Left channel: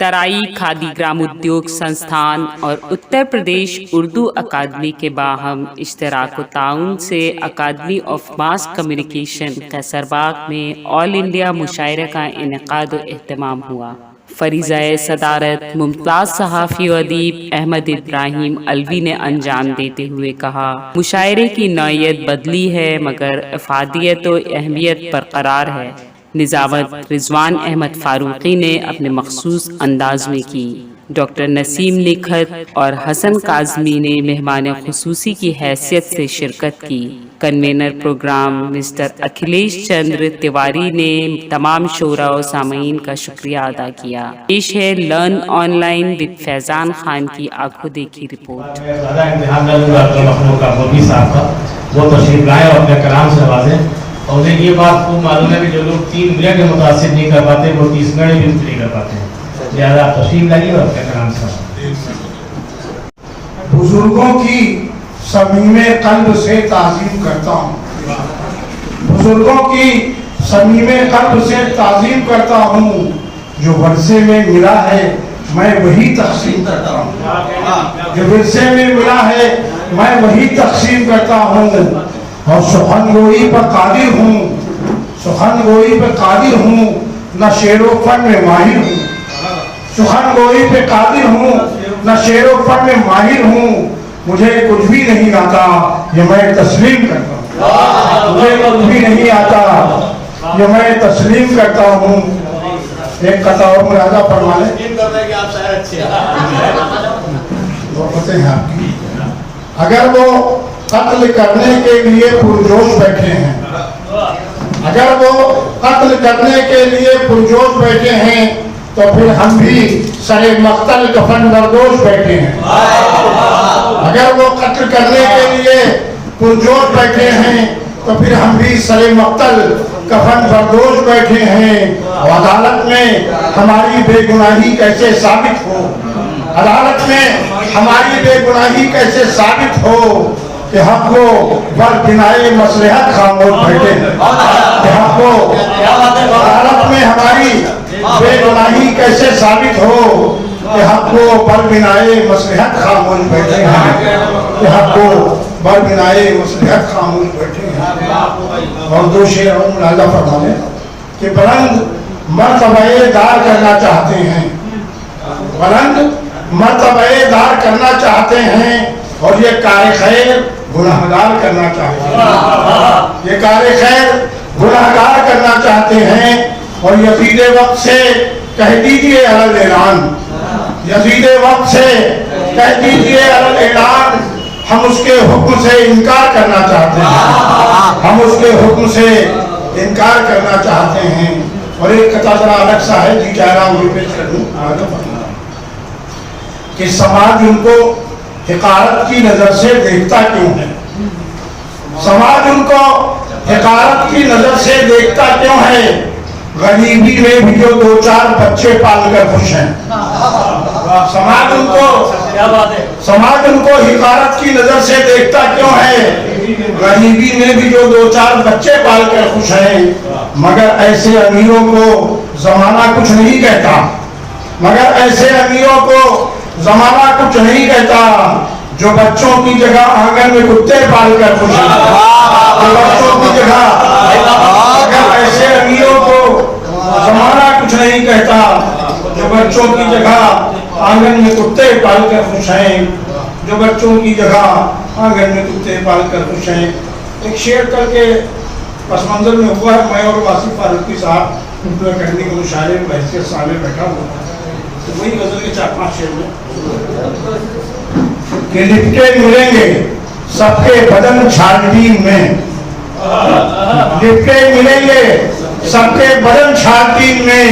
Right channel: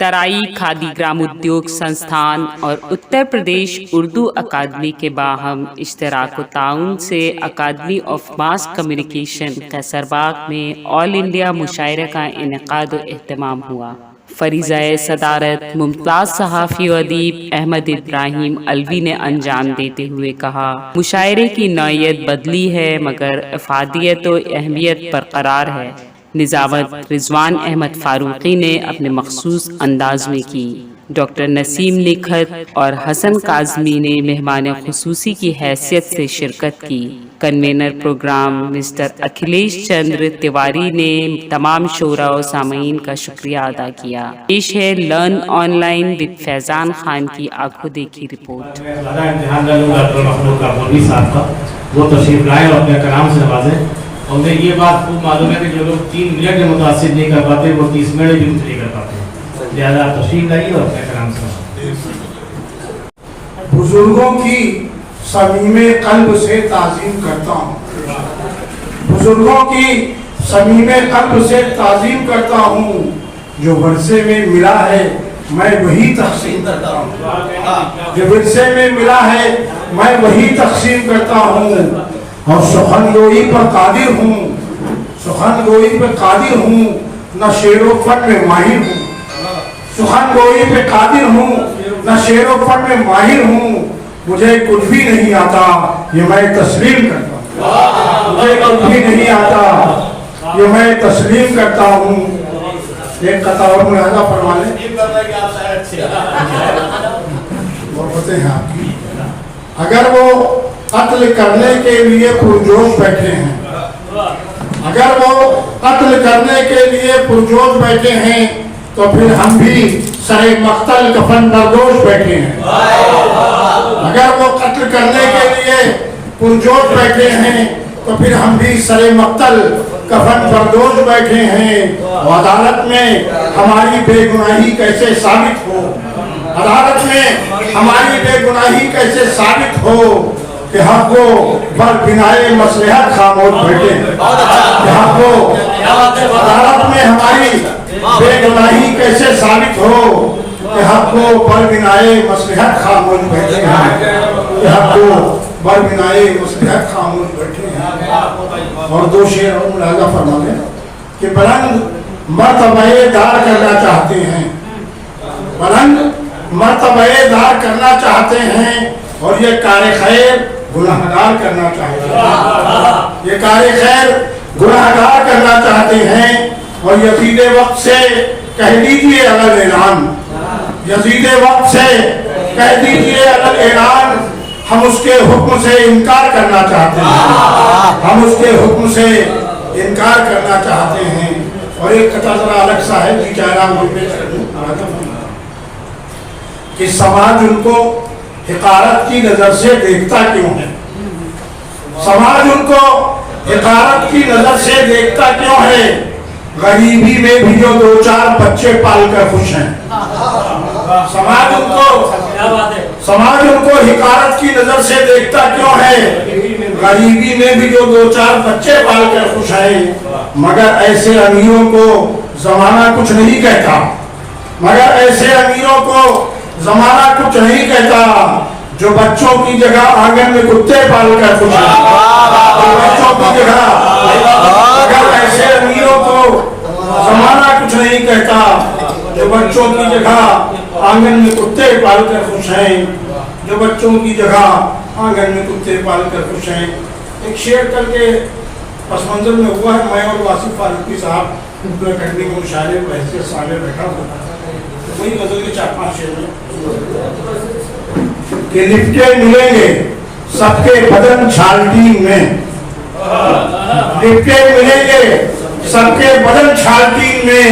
तराई खादी ग्राम उद्योग संस्थान और उत्तर प्रदेश उर्दू अकादमी के बाहम इश्तराक ताउन से अकादमी ऑफ मास कम्युनिकेशन कैसरबाग में ऑल इंडिया मुशायरे का इनेकाद व एहतमाम हुआ। फरीज़ाए सदारत मुमताज़ सहाफ़ी व अदीब अहमद इब्राहिम अलवी ने अंजाम देते हुए कहा, मुशायरे की नौइयत बदली है मगर अफादियत व अहमियत बरकरार है। निज़ामत रिजवान अहमद फारूकी ने अपने मखसूस अंदाज में की। डॉक्टर नसीम निखत और हसन काज़मी ने मेहमान खुसूसी की हैसियत से शिरकत की। Convener programme mister Akhilesh Chandra Tiwari ने तमाम शोरा और सामीन का शुक्रिया अदा किया। पेश है learn online with Faizan Khan की आंखों देखी रिपोर्ट। और ये बात खूब मालूम है कि जो लोग 3 मिनट में मुतासिर नहीं कर पाते वो 30 मिनट भी नहीं कर पाते। लिहाजा आप तशरीफ लाइए और अपने कलाम से बुजुर्गों की समीमे कल्ब से ताज़ीम करता हूँ, बुजुर्गों की समीमे कल्ब से ताज़ीम करता हूँ। जो वर्षे में मिला है मैं वही तक़सीम करता हूँ, जो वर्षे में मिला है मैं वही तक़सीम करता हूँ। और सुखन गोई पर कादिर हूँ, सुखन गोई पर कादिर हूँ, न शेरो फन में माहिर हूँ। सुखन गोई पे कादिर हूँ, न शेरो फन में माहिर हूँ। मुझे कुछ भी नहीं आता ये मैं तस्लीम करता हूँ, मुझे कुछ भी नहीं आता ये मैं तस्लीम करता हूँ। एक कथा और मुलाजा फरमा लें, वो पते हैं आपकी। अगर वो कत्ल करने के लिए पुरजोश बैठे हैं, अगर वो कत्ल करने के लिए पुरजोश बैठे हैं तो फिर हम भी सरे मक्तल कफन नरदोश बैठे हैं। अगर वो कत्ल करने के लिए पुरजोश बैठे हैं तो फिर हम भी सरे मक्तल कफन नरदोश बैठे हैं। और अदालत में हमारी बेगुनाही कैसे साबित हो, अदालत में हमारी बेगुनाही कैसे साबित हो कि हमको पर बिनाए मसलहत खामोश बैठे, कि हमको अदालत में हमारी बेगुनाही कैसे साबित हो कि हमको पर बिनाए मसलहत खामोश बैठे हैं, कि हमको पर बिनाए मसलहत खामोश बैठे हैं। और दो शेर और मुलाजा फरमा लें कि बुलंद मर्तबे दार करना चाहते हैं, बुलंद मर्तबे दार करना चाहते हैं और ये कार खैर गुनाहगार करना चाहते हैं, ये कार खैर गुनाहगार करना चाहते हैं। और यजीद वक्त से कह दीजिए अलग ऐलान, यजीद वक्त से कह दीजिए अलग ऐलान, हम उसके हुक्म से इनकार करना चाहते हैं, हम उसके हुक्म से इनकार करना चाहते हैं। और एक कथा जरा अलग सा है जी कि समाज उनको हिकारत की नजर से देखता क्यों है, समाज उनको हिकारत की नजर से देखता क्यों है। गरीबी में भी जो 2-4 बच्चे पाल कर खुश हैं, समाज उनको हिकारत की नजर से देखता क्यों है। गरीबी में भी जो 2-4 बच्चे पाल कर खुश हैं। मगर ऐसे अमीरों को जमाना कुछ नहीं कहता, मगर ऐसे अमीरों को जमाना कुछ नहीं कहता जो बच्चों की जगह आंगन में कुत्ते पाल कर खुश हैं। बच्चों की जगह अगर ऐसे अमीरों को जमाना कुछ नहीं कहता जो बच्चों की जगह आंगन में कुत्ते पाल कर खुश हैं, जो बच्चों की जगह आंगन में कुत्ते पाल कर खुश हैं। एक शेर करके पस मंजर में हुआ है, मैं और वासिफ फारूकी साहब करने के मुशायरे में ऐसे सामने बैठा हुआ था, तो वही गजल के 4-5 शेर में कि लिपटे मिलेंगे सबके बदन छालटीन में, लिपटे मिलेंगे सबके बदन छालटीन में,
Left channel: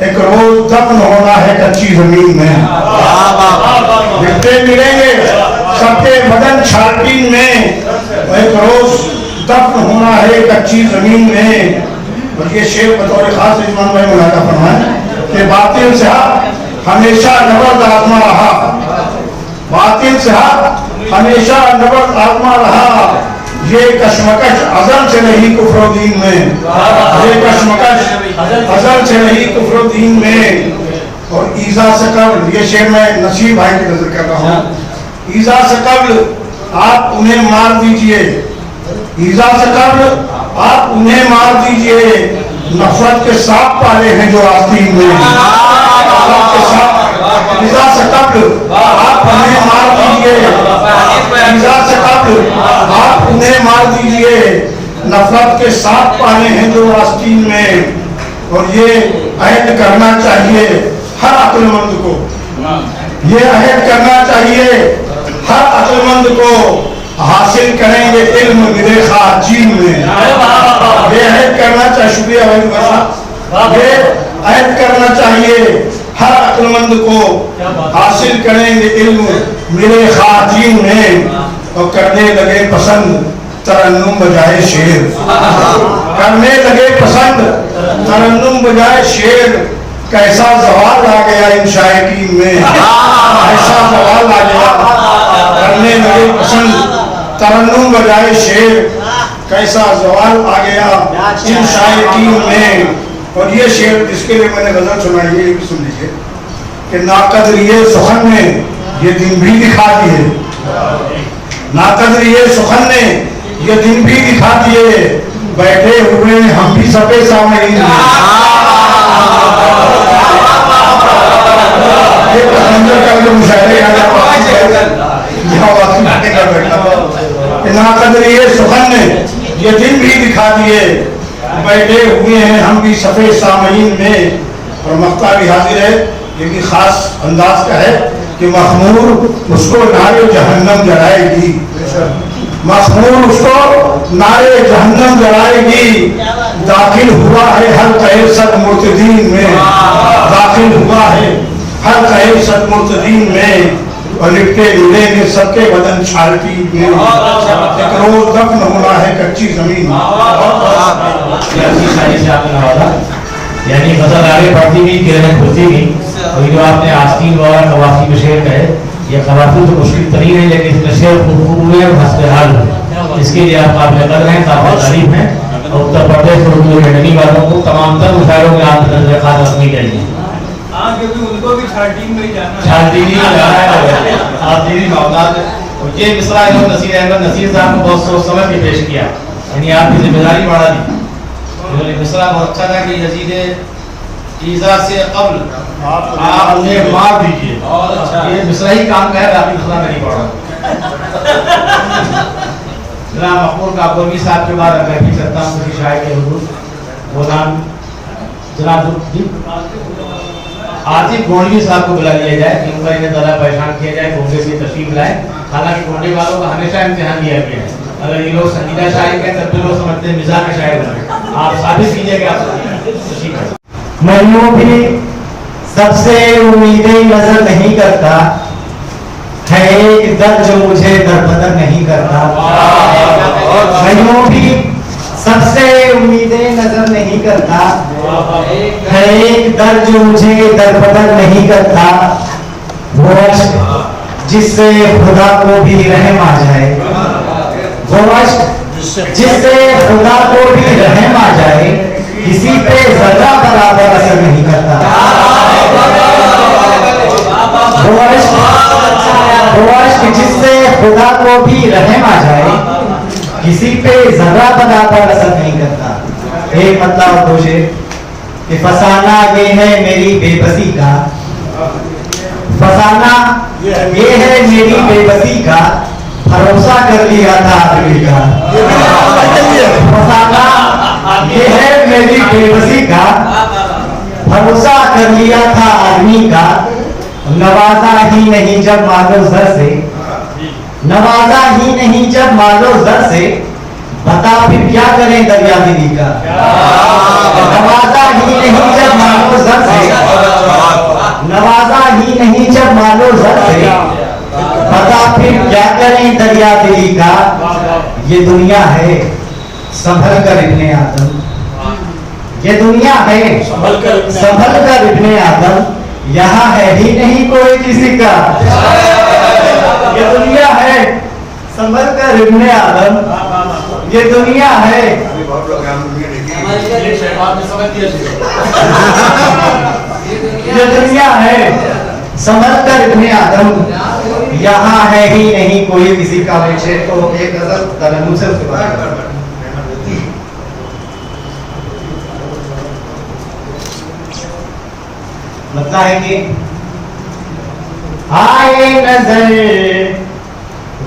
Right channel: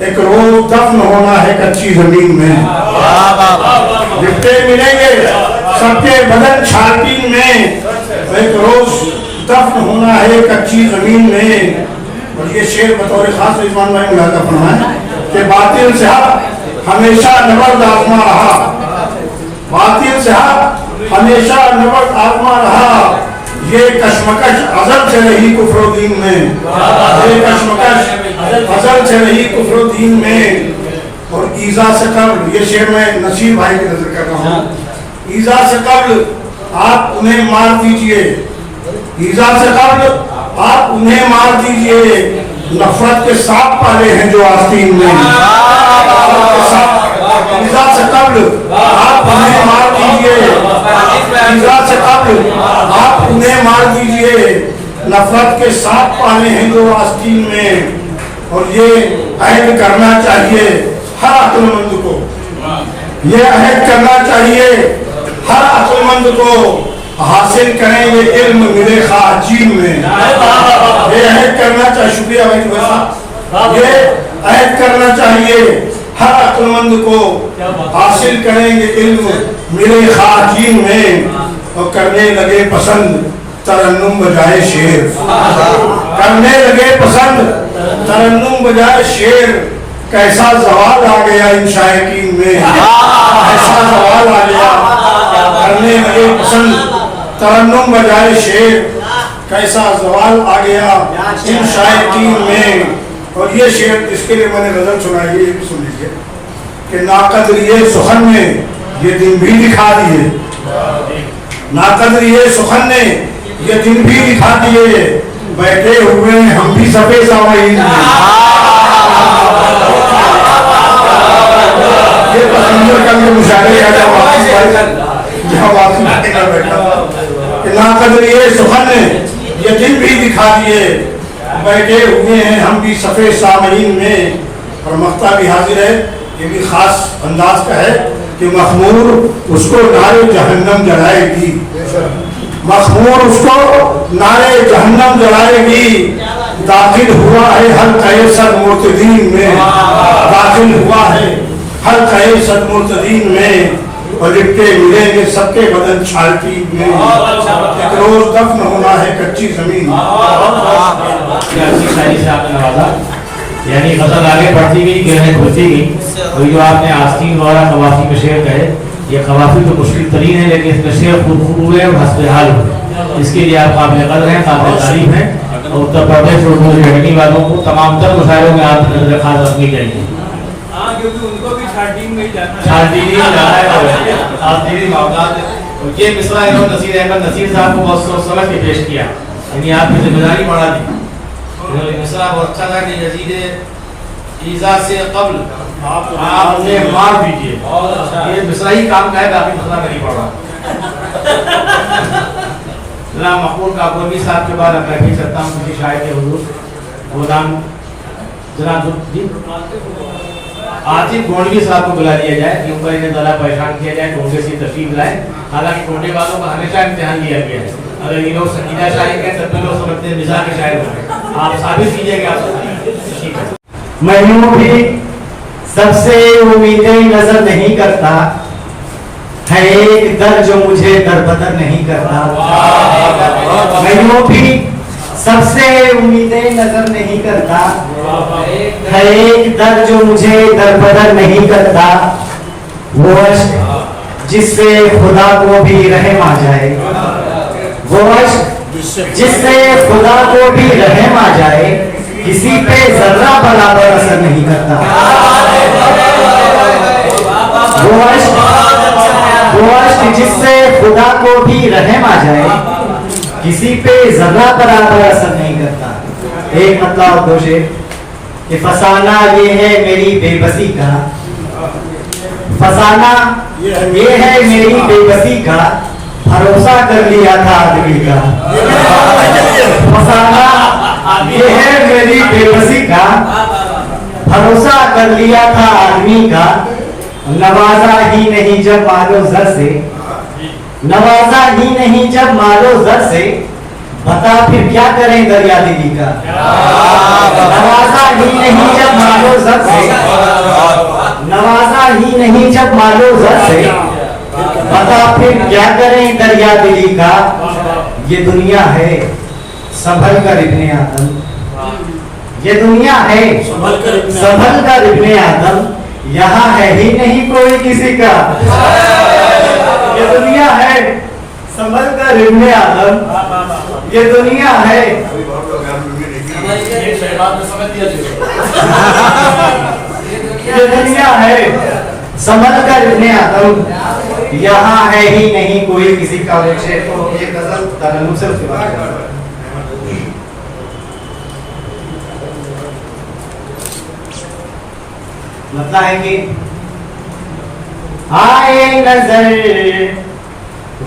एक रोज दफन होना है कच्ची जमीन में। लिपटे मिलेंगे सबके बदन छालटीन में, एक रोज दफन होना है कच्ची जमीन में। और ये शेर बतौर खास रिजवान भाई मुलाजा फरमाए कि बातिल से हमेशा नबर्द आजमा रहा, बातिल से हमेशा नबर्द आजमा रहा। ये कशमकश अज़ल से रही कुफ्र दीन में, ये कशमकश अज़ल से रही कुफ्र दीन में। اور ایزا سے قبل، یہ شعر میں نصیر بھائی کی نظر کر رہا ہوں، ایزا سے قبل آپ انہیں مار دیجئے، ایزا سے قبل آپ انہیں مار دیجئے، نفرت کے ساتھ پالے ہیں جو آستین میں، نفرت کے ساتھ، ایزا سے قبل آپ انہیں مار دیجئے، ایزا سے قبل آپ انہیں مار دیجئے، نفرت کے ساتھ پالے ہیں جو آستین میں۔ اور یہ عہد کرنا چاہیے ہر عقل مند کو، یہ عہد کرنا چاہیے ہر عقل مند کو، حاصل کریں گے علم ملے خاجین میں، یہ عہد کرنا چاہیے، شکریہ بھائی صاحب، یہ عہد کرنا چاہیے ہر عقل مند کو، حاصل کریں گے علم ملے خاجین میں، اور کرنے لگے پسند ترنم بجائے شعر، کرنے لگے پسند ترنم بجائے شعر، کیسا زوال آ گیا ان شائقین میں، کیسا زوال آ گیا، کرنے لگے پسند ترنم بجائے شعر، کیسا زوال آ گیا ان شائقین میں۔ اور یہ شعر جس کے لیے میں نے غزل سنائی ہے، یہ بھی سن لیجیے کہ ناقدری سخن نے یہ دن بھی دکھا دیے، ناقدری سخن نے یہ دن بھی دکھا دیے، بیٹھے ہوئے ہم بھی صفے سامعین میں، یہ پسندر کر کے مشاعرے کہ ناقدری سخن نے یہ دن بھی دکھا دیے، بیٹھے ہوئے ہیں ہم بھی صفے سامعین میں۔ اور مقطع بھی حاضر ہے، یہ بھی خاص انداز کا ہے کہ مخمور اس کو نارے جہنم جلائے گی، مخمور اس کو نارے جہنم جلائے گی، داخل ہوا ہے حلقہ صد مرتدین میں، داخل ہوا ہے حلقہ صد مرتدین میں، اور لپٹے ملیں گے سب کے بدن چھالٹی میں، ایک روز دفن ہونا ہے کچی زمین میں۔ یعنی غزل آگے بڑھتی گئی، کرنیں کھلتی گئی، اور جو آپ نے آستین والا قوافی میں شعر کہے، یہ قوافی تو مشکل ترین ہے، لیکن اس میں شعر خوب ہے اور حسب حال ہے، اس کے لیے آپ قابل قدر ہیں، قابل تعریف ہیں، اور اتر پردیش اور اردو رہنے والوں کو تمام تر مشاعروں میں آپ نظر خاص رکھنی چاہیے۔ کیونکہ ان کو بھی چھانٹین میں ہی جانا ہے، آپ دیدی معاملات، یہ مصرع انہوں نصیر احمد نصیر صاحب کو بہت سوچ سمجھ کے پیش کیا، یعنی آپ کی ذمہ داری بڑھا دی، انہوں نے مصرع بہت اچھا تھا کہ یزید ایزا سے قبل آپ انہیں مار دیجئے، یہ مصرع ہی کام کا ہے، باقی مصرع میں نہیں پڑھ رہا۔ جناب مقبول کاکومی صاحب کے بعد اگر بھی کرتا ہوں کسی شاعر کے حضور، وہ نام جناب جی عاطف گونڈی صاحب کو بلا دیا جائے کہ اوپر انہیں زیادہ پریشان کیا جائے، گونڈے سے تشریف لائیں، حالانکہ گونڈے والوں کا ہمیشہ امتحان دیا گیا ہے، اگر یہ لوگ سنجیدہ شاعر ہیں تب لوگ سمجھتے ہیں مزاح کے شاعر ہیں، آپ ثابت کیجئے کہ آپ ٹھیک ہے۔ میں یوں بھی سب سے امیدیں نظر نہیں کرتا، ہے ایک در جو مجھے در بدر نہیں کرتا، میں یوں بھی سب سے امیدیں نظر نہیں کرتا، ہے ایک در جو مجھے در بدر نہیں کرتا، وہ عشق جس سے خدا کو بھی رحم آ جائے، وہ عشق جس سے خدا کو بھی رحم آ جائے، کسی پہ ذرہ برابر اثر نہیں کرتا، وہ عشق جس سے خدا کو بھی رحم آ جائے، کسی پہ ذرہ برابر اثر نہیں کرتا۔ ایک مطلب اور دو شعر کہ فسانہ یہ ہے میری بے بسی کا، فسانہ یہ ہے میری بے بسی کا، بھروسہ کر لیا تھا آدمی کا، فسانہ یہ ہے میری بے بسی کا، بھروسہ کر لیا تھا آدمی کا، نوازا ہی نہیں جب مالو زر سے، نوازا ہی نہیں جب مالو زر سے، بتا پھر کیا کریں دریا دلی کا، نوازا ہی نہیں جب مالو زر سے، نوازا ہی نہیں جب مالو زر سے، بتا پھر کیا کریں دریا دلی کا، یہ دنیا ہے سنبھل کر ابن آدم، یہ دنیا ہے سنبھل کر ابن آدم، یہاں ہے ہی نہیں کوئی کسی کا، یہ دنیا ہے سنبھل کر ابن آدم، یہ دنیا ہے یہ دنیا ہے سنبھل کر ابن آدم، یہاں ہے ہی نہیں کوئی کسی کا ویچے. تو ایک غزل ترنم سے اس کے بعد لگتا ہے کہ آئے نظر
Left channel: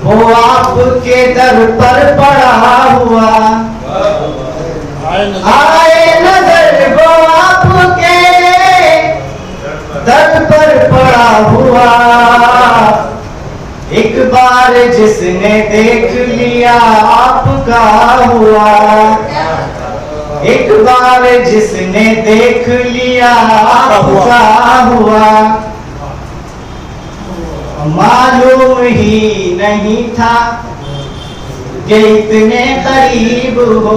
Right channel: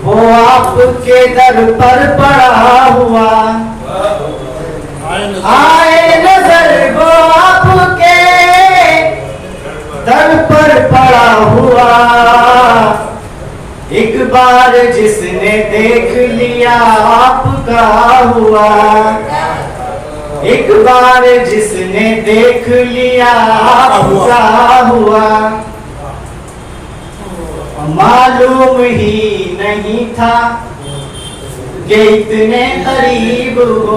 وہ آپ کے در پر پڑا ہوا، آئے نظر وہ آپ کے در پر پڑا ہوا، ایک بار جس نے دیکھ لیا آپ کا ہوا، ایک بار جس نے دیکھ لیا آپ کا ہوا، معلوم ہی نہیں تھا کہ اتنے قریب ہو،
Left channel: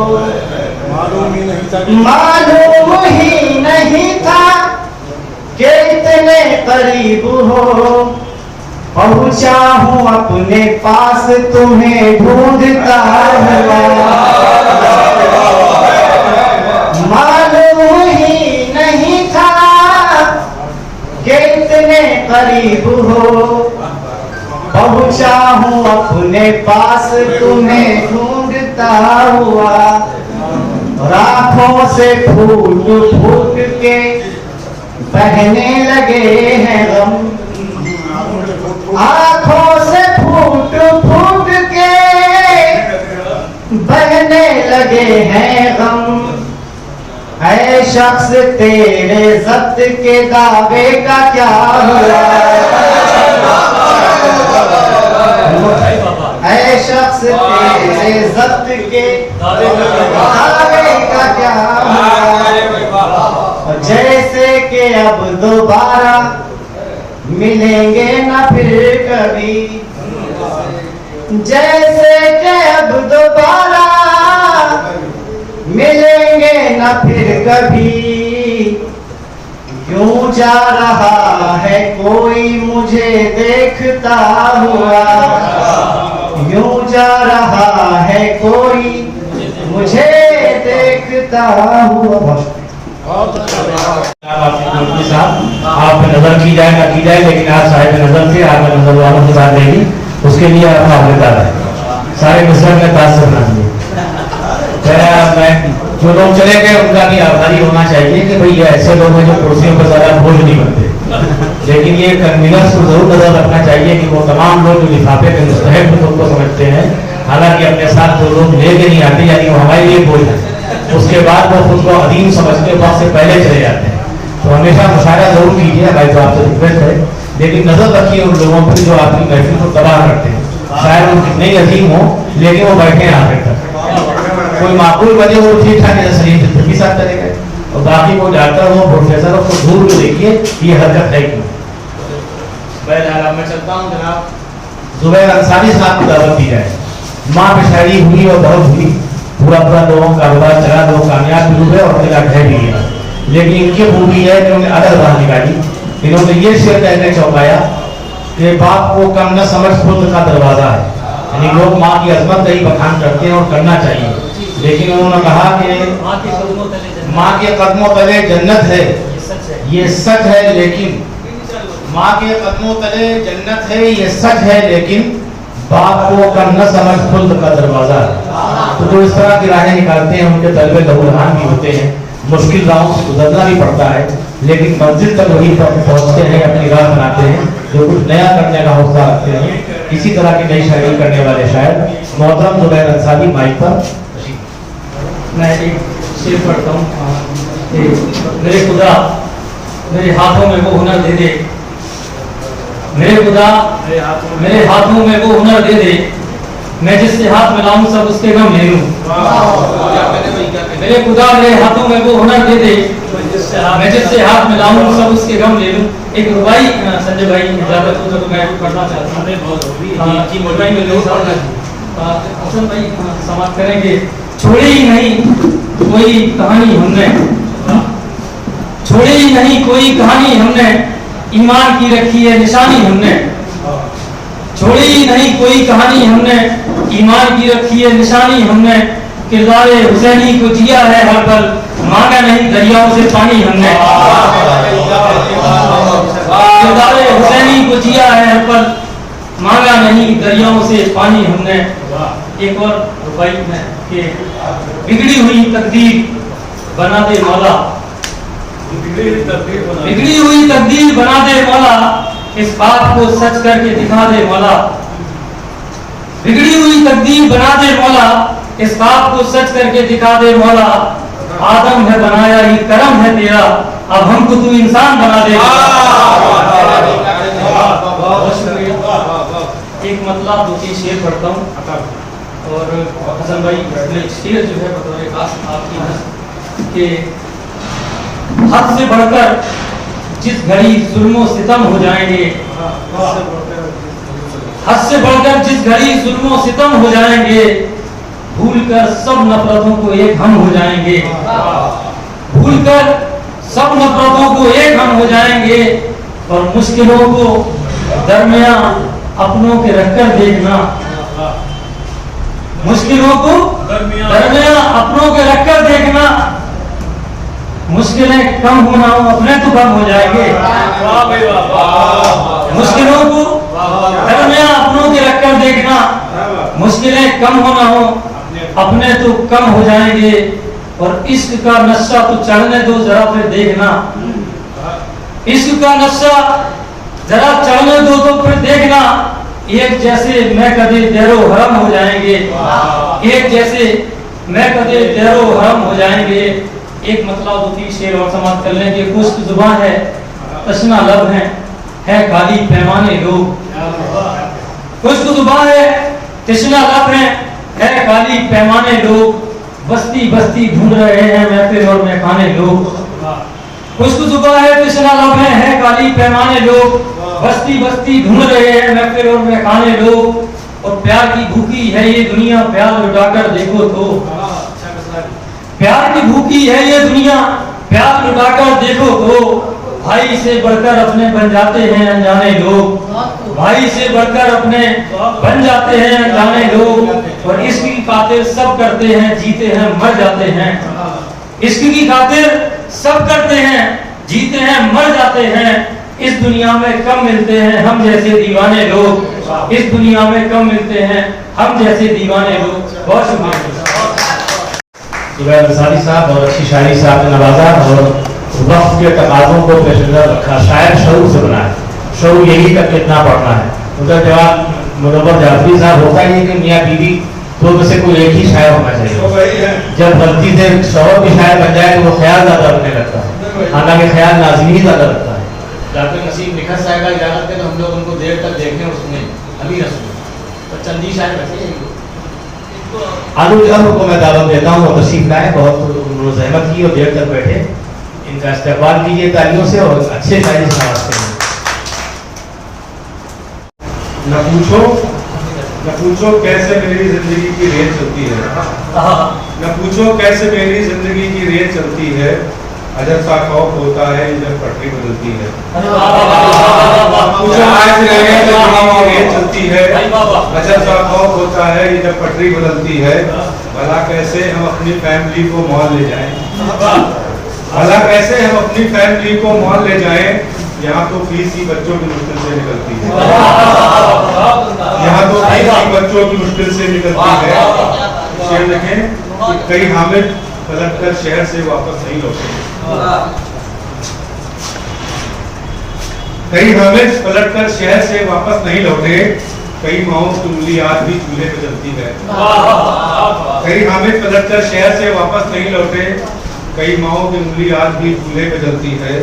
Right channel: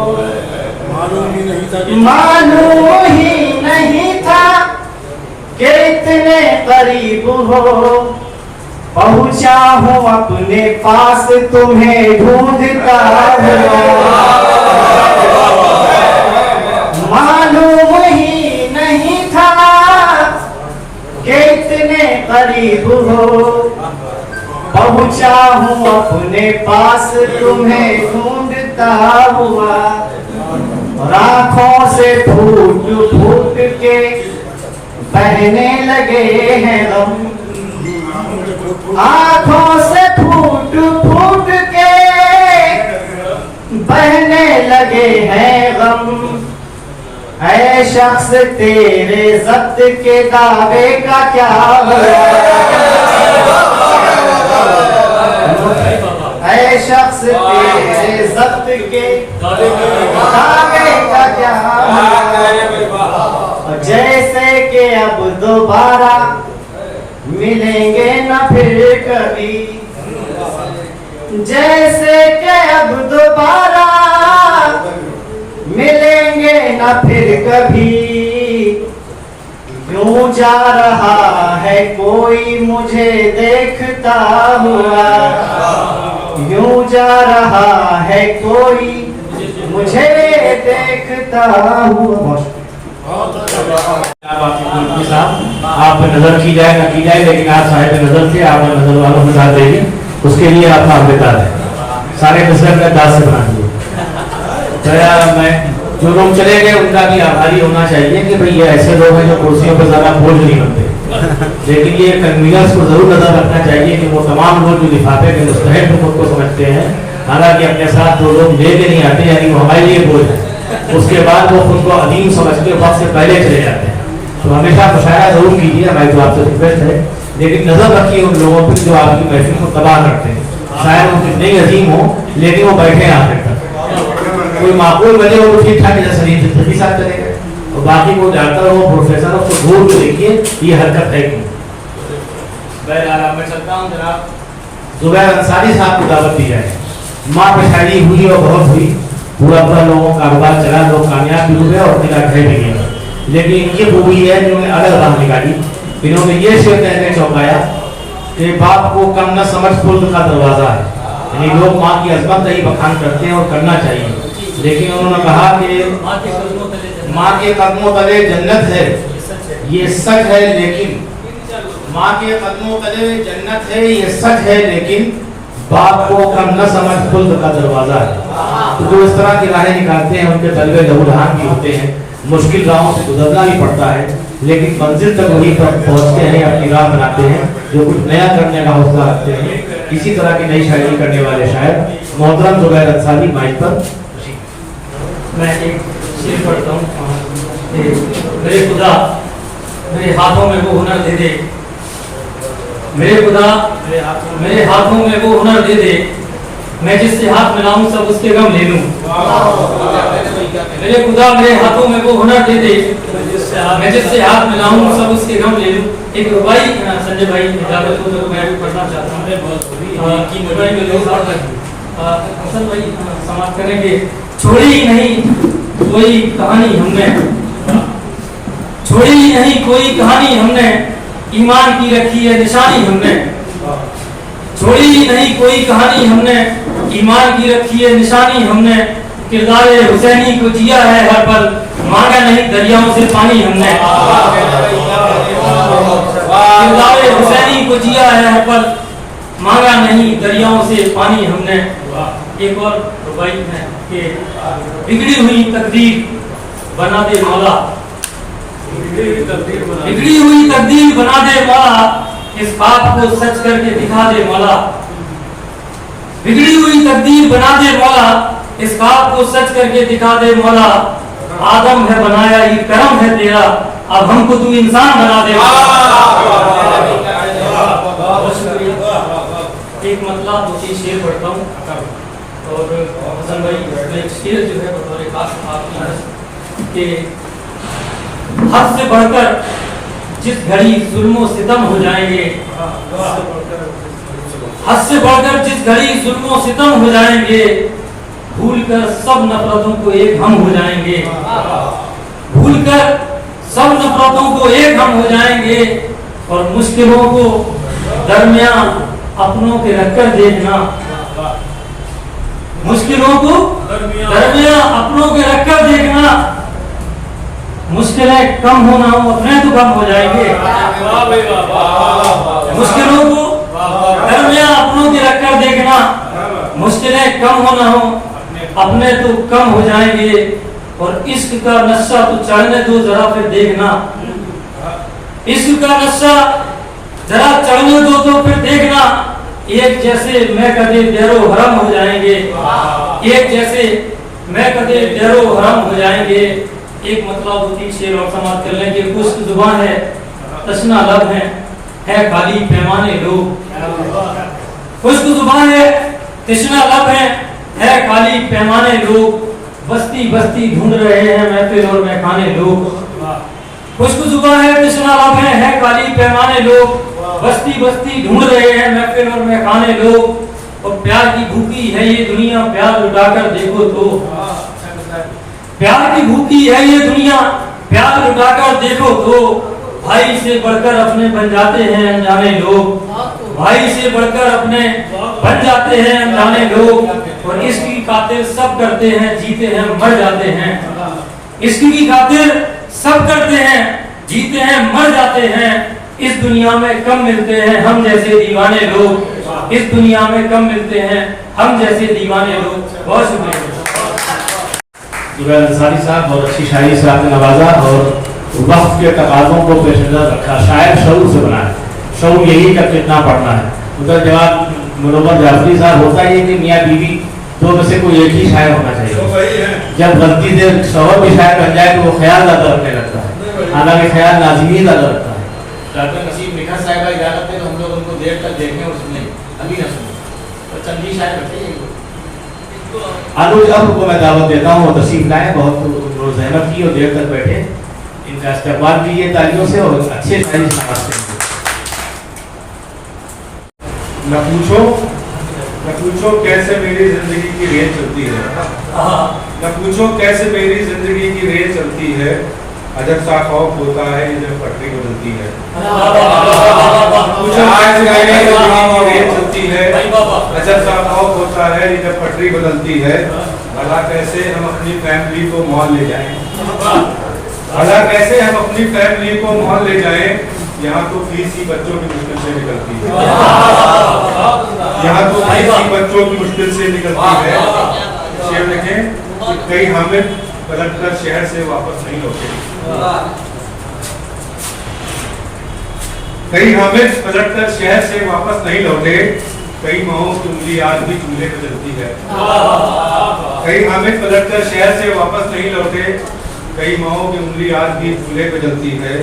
معلوم ہی نہیں تھا کہ اتنے قریب ہو، پہنچا ہوں اپنے پاس تمہیں ڈھونڈتا ہوا، معلوم ہی نہیں تھا کہ اتنے قریب ہو، پہنچا ہوں اپنے پاس تمہیں ڈھونڈتا ہوا، آنکھوں سے پھوٹ پھوٹ کے بہنے لگے ہیں غم، آنکھوں سے پھوٹ پھوٹ کے بہنے لگے ہیں غم، اے شخص تیرے ضبط کے دعوے کا کیا ہوا، اے شخص تیرے ضبط کے دعوے کا کیا ہوا، جیسے کہ اب دوبارہ ملیں گے نہ پھر کبھی، جیسے کہ اب دوبارہ ملیں گے نہ پھر کبھی، کیوں جا رہا ہے کوئی مجھے دیکھتا ہوا، کیوں جا رہا ہے کوئی مجھے دیکھتا ہوا. آپ پہ نظر کی جائے نہ کی جائے، لیکن آپ صاحب نظر تھے، آپ نے نظر والوں کو ساتھ دے دی، اس کے لیے آپ حافظدار ہے. سارے نظر میں داس سے بنا دیے. میں جو لوگ چلے گئے ان کا بھی آبھاری ہونا چاہیے کہ بھئی یہ ایسے لوگ ہیں جو کرسیوں پہ زیادہ بوجھ نہیں بنتے، لیکن یہ کنوینرز کو ضرور نظر رکھنا چاہیے کہ وہ تمام لوگ جو لفافے کے مستحق خود کو سمجھتے ہیں، حالانکہ اپنے ساتھ جو لوگ لے کے نہیں آتے یعنی وہ ہمارے لیے بوجھ ہے، اس کے بعد وہ خود کو عظیم سمجھتے وقت سے پہلے چلے جاتے ہیں. تو ہمیشہ مشاہدہ ضرور کیجیے، بھائی تو آپ سے ریکویسٹ ہے، لیکن نظر رکھیے ان لوگوں پر جو آپ کی محفل کو تباہ کرتے ہیں. شاید وہ کتنے ہی عظیم ہوں لیکن وہ بیٹھے ہیں آخر تک، کوئی معقول وجہ وہ ٹھیک ٹھاک شریف بھی ساتھ چلے گئے، اور باقی وہ ڈاکٹر ہو پروفیسر ہو کو دور کو دیکھیے یہ حرکت ہے کیوں. بہرحال میں چلتا ہوں. جناب زبیر انصاری صاحب کو دعوت کی جائے. ماں پہ شاعری ہوئی اور بہت ہوئی، پورا لوگوں کا کاروبار چلا، لوگ کامیاب بھی ہوئے اور اپنے کا ڈھہ بھی گیا، لیکن ان کی خوبی ہے کہ انہوں نے الگ راہ نکالی. انہوں نے یہ شعر کہنے چوکایا کہ باپ کو کم نہ سمجھ خود کا دروازہ ہے. یعنی لوگ ماں کی عظمت کا ہی بخان کرتے ہیں اور کرنا چاہیے، لیکن انہوں نے کہا کہ ماں کے قدموں تلے جنت ہے، یہ سچ ہے، لیکن ماں کے قدموں تلے جنت ہے یہ سچ ہے، لیکن باپ کو کم نہ سمجھ خلد کا دروازہ ہے. تو جو اس طرح کی راہیں نکالتے ہیں ان کے طلبے لہولہان بھی ہوتے ہیں، مشکل راہوں سے گزرنا بھی پڑتا ہے، لیکن منزل تک وہی پہنچتے ہیں، اپنی راہ بناتے ہیں، جو کچھ نیا کرنے کا حوصلہ رکھتے ہیں. اسی طرح کی نئی شاعری کرنے والے شاعر محترم زبیر انصاری مائک پر. میں ایک شعر پڑھتا ہوں. میرے خدا میرے ہاتھوں میں وہ ہنر دے دے، میرے خدا میرے ہاتھوں میں وہ ہنر دے دے، میں جس سے ہاتھ ملاؤں سب اس کے غم لے لوں. میرے خدا میرے ہاتھوں میں وہ ہنر دے دے، میں جس سے ہاتھ ملاؤں سب اس کے غم لے لوں. ایک ربائی سنجے بھائی اجازت ہو تو میں پڑھنا چاہتا ہوں. حسن بھائی سماعت کریں گے. چھوڑی ہی نہیں کوئی کہانی ہم نے، چھوڑی ہی نہیں کوئی کہانی ہم نے، ایمان کی رکھی ہے نشانی ہم نے. چھوڑی ہی نہیں کوئی کہانی ہم نے، ایمان کی رکھی ہے نشانی ہم نے. کردار حسینی کو جیا ہے ہر پل، مانگا نہیں دریاؤں سے پانی ہم نے. किरदारे हुसैनी को जिया है हर पल, मांगा नहीं दरियाओं से पानी हमने। एक और रुबाई है कि बिगड़ी हुई तकदीर बना दे मौला, बिगड़ी हुई तकदीर बना दे मौला, इस बात को सच करके दिखा दे मौला। बिगड़ी हुई तकदीर बना दे मौला, इस बात को सच करके दिखा दे मौला। आदम है बनाया ये करम है तेरा, अब हमको तू इंसान बना दे। एक मतलब 2-3 शेर पढ़ता हूँ और हसन भाई एक शेर जो है बतौर खास आपकी हंस के हद से बढ़कर जिस घड़ी जुल्मो सितम हो जाएंगे, हद से बढ़कर जिस घड़ी जुल्मो सितम हो जाएंगे, भूलकर सब नफरतों को एक हम हो जाएंगे, भूलकर सब नफरतों को एक हम हो जाएंगे। और मुश्किलों को दरमियान अपनों के रखकर देखना, मुश्किलों को दरमियान अपनों के रखकर देखना। मुश्किलें कम होना हो अपने तो कम हो जाएंगे, मुश्किलों को दरमियान अपनों के रखकर देखना। मुश्किलें कम होना हो अपने तो कम हो जाएंगे। और इश्क का नशा तो चढ़ने दो जरा फिर देखना, इश्क का नशा जरा चढ़ने दो तो फिर देखना। एक जैसे मैं कदे देरो हरम हो जाएंगे, एक जैसे मैं कदे देरो हरम हो जाएंगे। एक मतलब 2-3 शेर और समाप्त कर लेंगे। खुश्क जुबान है तशना लब है खाली पैमाने लोग, खुश्क जुबान है तशना लब है खाली पैमाने लोग। बस्ती बस्ती ढूंढ रहे हैं महफिल और मैखाने लोग, खुश्क जुबान है तशना लब है खाली पैमाने लोग। बस्ती बस्ती ढूंढ रहे हैं महफिल और मैखाने लोग। और प्यार की भूखी है ये दुनिया, प्यार लुटाकर देखो तो, प्यार की भूखी है ये दुनिया, प्यार लुटाकर देखो तो। भाई से बढ़कर अपने बन जाते हैं अनजाने लोग, भाई से बढ़कर अपने बन जाते हैं अनजाने लोग। और इश्क की खातिर सब करते हैं, जीते हैं मर जाते हैं। इश्क की खातिर सब करते हैं, जीते हैं मर जाते हैं। इस दुनिया में कम मिलते हैं हम जैसे दीवाने लोग, इस दुनिया में कम मिलते हैं हम जैसे दीवाने लोग। बहुत शुक्रिया। जुबैर अंसारी साहब बहुत अच्छी शायरी से आपने नवाजा और वक्त के तकाज़ों को पेश नज़र रखा। शायर शौर से बना है, शौर यही का कितना पढ़ना है। उसका जवाब मुनव्वर जाफरी साहब होता है कि मियाँ बीवी दो में से कोई एक ही शायर होना चाहिए। जब गलती से शौहर भी शायर बन जाए तो वो ख्याल ज़्यादा रखने लगता है, हालांकि ख्याल नाज़िमी ज़्यादा रखता है। डॉक्टर नसीम मिखा साहब इजाज़त है तो हम लोग उनको देर तक देखने और सुने अभी न सुने और चंदी शायर बचे। आलू अमर को मैं दावत देता हूँ और तशरीफ लाए, बहुत जहमत की और देर तक बैठे। इनका इस्तेमाल कीजिए तालियों से और अच्छे शायरी से नवाजते हैं। न पूछो कैसे मेरी जिंदगी की रेत चलती है, न पूछो कैसे मेरी जिंदगी की रेत चलती है। अजब सा खौफ होता है जब पटरी बदलती है, पूछो कैसे मेरी जिंदगी की रेत चलती है। अजब सा खौफ होता है जब पटरी बदलती है। भला कैसे हम अपनी फैमिली को मॉल ले जाएं, भला कैसे हम अपनी फैमिली को मॉल ले जाएं। यहाँ तो फीस ही बच्चों की मुश्किल से निकलती है, यहाँ तो फीस ही बच्चों की मुश्किल से निकलती है। शेर लिखें कि कई हामिद पलट कर शहर से वापस नहीं लौटे, कई हामिद पलट कर शहर से वापस नहीं लौटे। कई माओं की उंगली आज भी चूल्हे पे जलती है, कई हामिद पलट कर शहर से वापस नहीं लौटे। कई माओं की उंगली आज भी चूल्हे पे जलती है।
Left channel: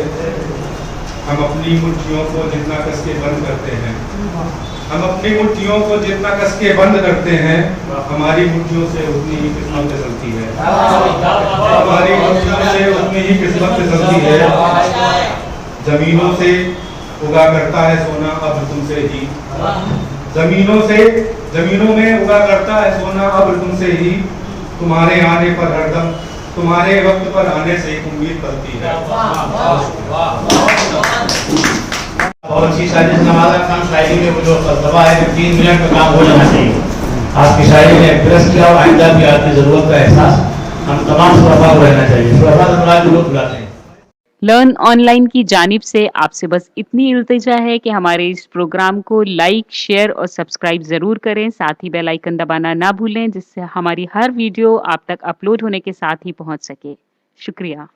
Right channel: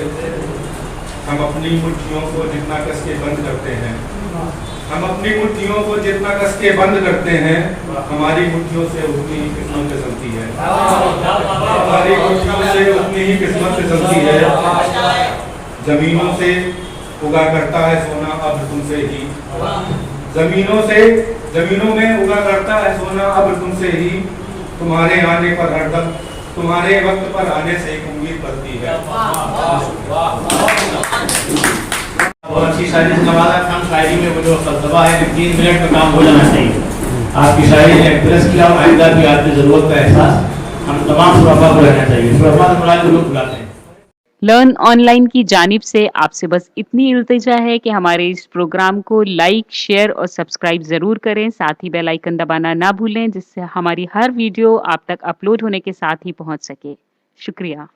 हम अपनी मुट्ठियों को जितना कस के बंद करते हैं, हम अपनी मुट्ठियों को जितना कस के बंद करते हैं, हमारी मुट्ठियों से उतनी ही किस्मत चलती है, हमारी मुट्ठियों से उतनी ही किस्मत चलती है। जमीनों से उगा करता है सोना अब तुमसे ही, जमीनों में उगा करता है सोना अब तुमसे ही। तुम्हारे आने पर हरदम, तुम्हारे वक्त पर आने से एक उम्मीद बढ़ती है। बहुत अच्छी शायरी से नवाजा। खान शायरी में वो जो फलसफा है 3 मिनट में काम हो जाना चाहिए। आपकी शायरी ने प्लस किया और आइंदा भी आपकी जरूरत का एहसास हम तमाम सुरफा को रहना चाहिए। सुरफा से मुराद जो लोग बुलाते हैं। लर्न ऑनलाइन की जानिब से आपसे बस इतनी इल्तिजा है कि हमारे इस प्रोग्राम को लाइक, शेयर और सब्सक्राइब ज़रूर करें। साथ ही बेल आइकन दबाना ना भूलें, जिससे हमारी हर वीडियो आप तक अपलोड होने के साथ ही पहुंच सके। शुक्रिया।